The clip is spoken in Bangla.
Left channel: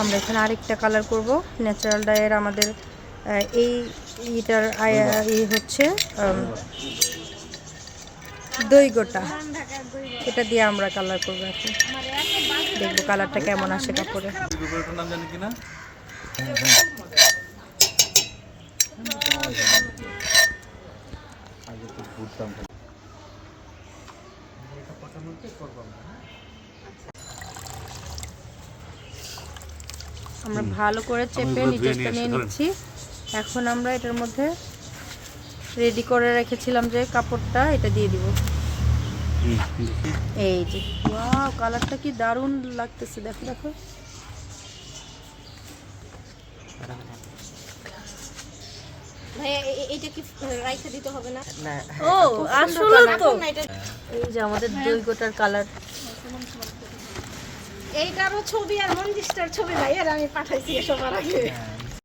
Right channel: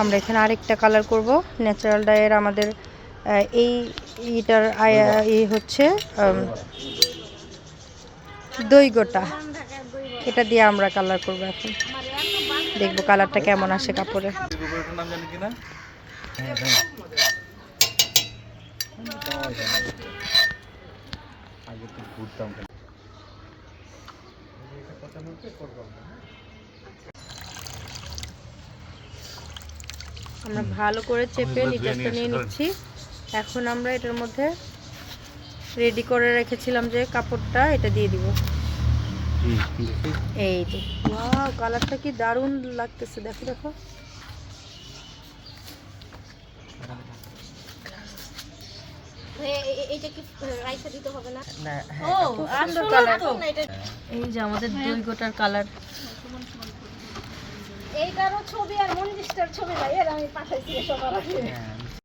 আমরা এখানে আরেকটা কালার করব ন্যাচারাল ডাইয়ের। আমাদের এইটার হচ্ছে দই গোটা, এটা দিয়ে আমরা কালার করবো। এখন দেখবো কালারটা কেমন আসে কাপড়ে। আমরা ভালো করে চেপে নিচেরটা নিয়ে নিচ্ছি। এখন আমরা এটার মধ্যে রেডি করে রেখেছিলাম যে কাপড়টা, এটা দিয়ে দিব। এই যে ওয়াও, কালারটা কি দারুণ লাগতেছে, দেখো দেখো। এই যে আমাদের দই গোটার কালার। এইটারও ছবি আর মঞ্জিস্টার ছবি ভাই, এর আমি পাঠাইছি সবার আগে।